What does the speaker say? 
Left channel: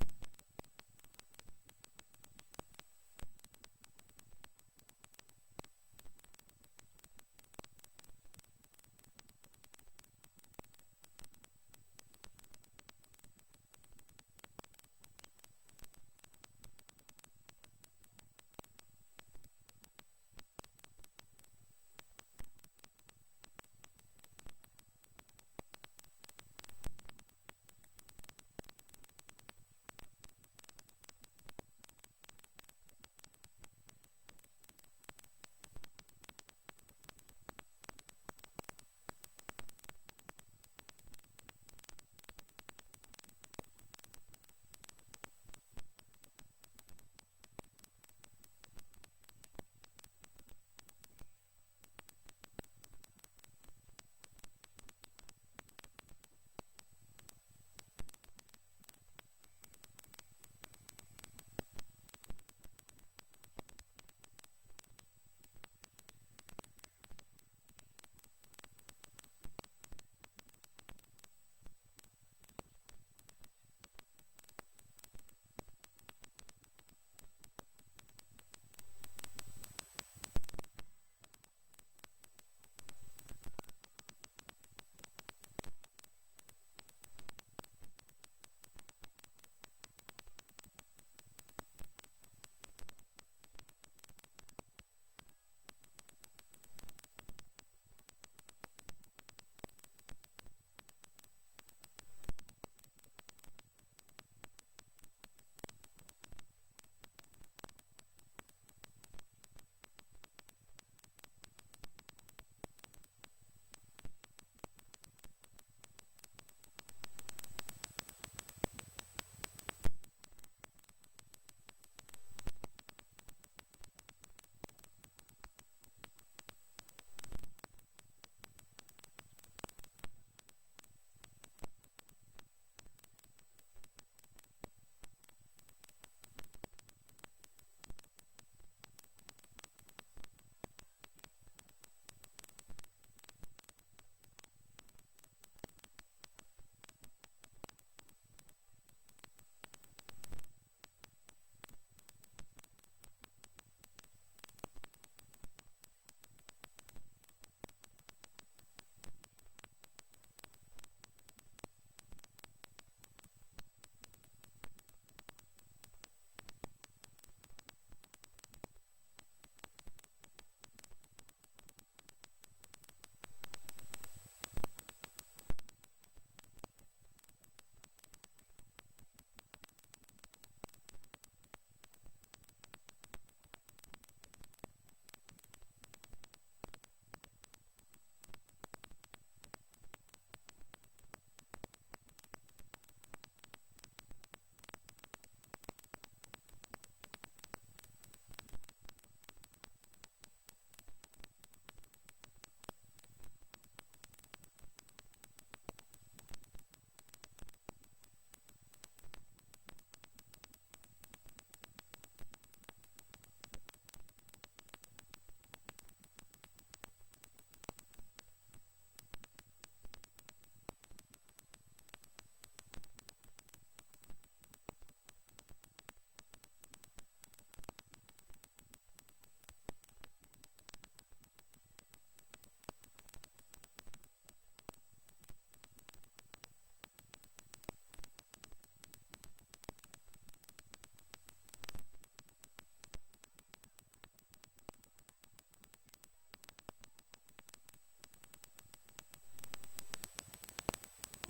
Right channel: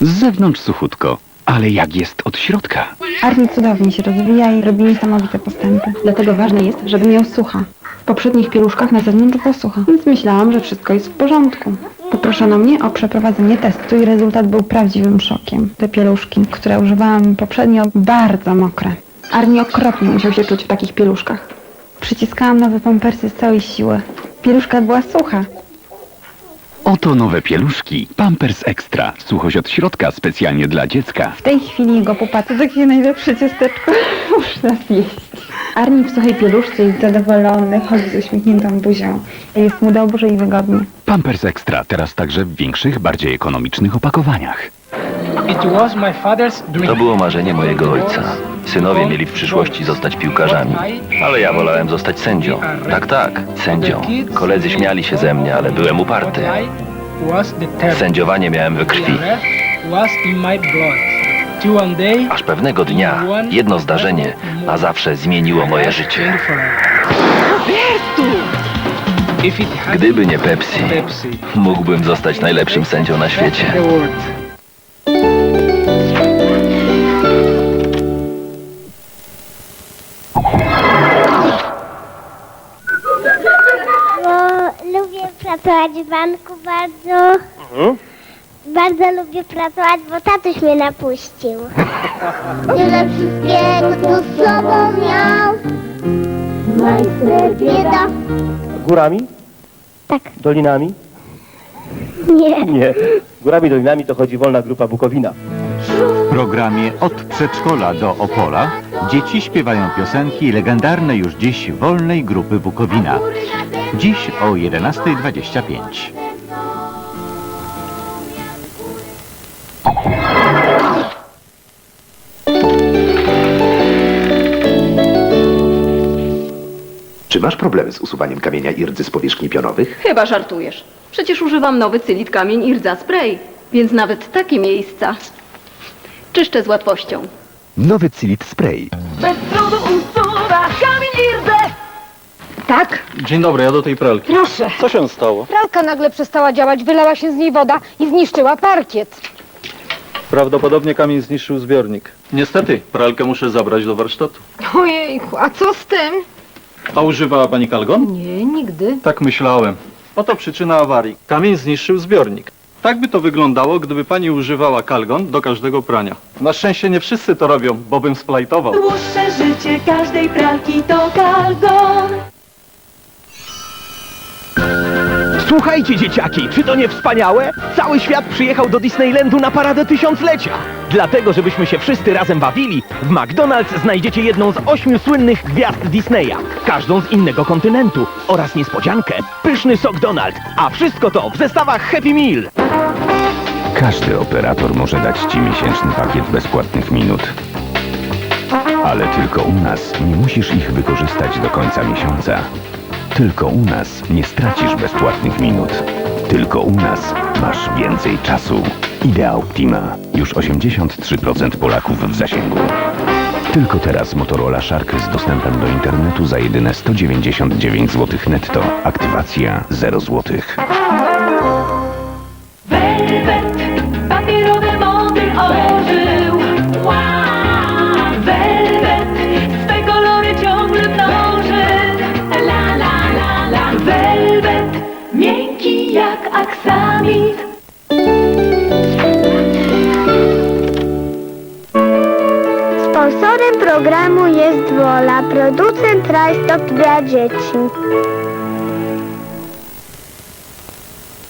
Z zewnątrz suchutko, ale jak jest od środka? Arni cudownie się rozwija i robi niesamowite postępy. Dlatego ważne jest, żeby miał sucha. W poprzednich pieluszkach na zewnątrz było sucha, więc myślałam, że wszystko jest w porządku. Poproszono mnie o przeprowadzenie testu i rezultat był prawdziwym szokiem. Te pieluszki, które używałam poprzednio, bardzo mokre. Arni okropnie musiał się czuć w takich pieluszkach. Przyciskałam nowe pampersy z całej siły. Pieluszka była sucha. Oto nowe pieluszki. Pampers Extra. Suchość od środka specjalnie dla dziecka. W tej chwili jego pupa to takie najlepsze ciasteczko. Muszę nas jeść. Arni w suchej pieluszce jest zadowolony, chodzi z uśmiechniętą buzią. Jest mu dobrze i wygodnie. Pampers Extra teraz także w większych, bardziej ekonomicznych opakowaniach. To było marzenie mojego ojca. Synowie mieli w przyszłości zostać piłkarzami, ale ja wolałem zostać sędzią. Tak, tak, sędzią. Koledzy śmiali się ze mnie, ale byłem uparty. Sędziowanie miałem we krwi. Aż pewnego dnia jedno zdarzenie na zawsze zmieniło moje życie. Gdyby nie Pepsi, mógłbym zostać najlepszym sędzią na świecie. Pracować w banku bardzo. Bardzo lubię pracować, bo tatuś mnie napuścił. Tyle wszystkiego tu z sobą miał. Majster bieda. Górami? Tak, Dolinami? nie. Nie. Górami, dolinami to chodzi wolna grupa Bukowina. W programie Od przedszkola do Opola dzieci śpiewają piosenki legendarnej już dziś wolnej grupy Bukowina. Dziś o 11.25. Czy masz problemy z usuwaniem kamienia i rdzy z powierzchni pionowych? Chyba żartujesz. Przecież używam nowy cylit kamień i rdza spray, więc nawet takie miejsca czyszczę z łatwością. Nowy Cilit Spray. Bez trudu Tak? Dzień dobry, ja do tej pralki. Proszę. Co się stało? Pralka nagle przestała działać, wylała się z niej woda i zniszczyła parkiet. Prawdopodobnie kamień zniszczył zbiornik. Niestety, pralkę muszę zabrać do warsztatu. Ojejku, a co z tym? A używała pani kalgon? Nie, nigdy. Tak myślałem. Oto przyczyna awarii. Kamień zniszczył zbiornik. Tak by to wyglądało, gdyby pani używała kalgon do każdego prania. Na szczęście nie wszyscy to robią, bo bym splajtował. Dłuższe życie każdej pralki to kalgon. Słuchajcie, dzieciaki, czy to nie wspaniałe? Cały świat przyjechał do Disneylandu na paradę tysiąclecia. Dlatego, żebyśmy się wszyscy razem bawili, w McDonald's znajdziecie jedną z ośmiu słynnych gwiazd Disneya, każdą z innego kontynentu oraz niespodziankę, pyszny sok Donald, a wszystko to w zestawach Happy Meal. Każdy operator może dać Ci miesięczny pakiet bezpłatnych minut. Ale tylko u nas nie musisz ich wykorzystać do końca miesiąca. Tylko u nas nie stracisz bezpłatnych minut. Tylko u nas masz więcej czasu. Idea Optima. Już 83% Polaków w zasięgu. Tylko teraz Motorola Shark z dostępem do internetu za jedyne 199 zł netto. Aktywacja 0 złotych. Jak aksamit. Sponsorem programu jest Wola, producent rajstop dla dzieci.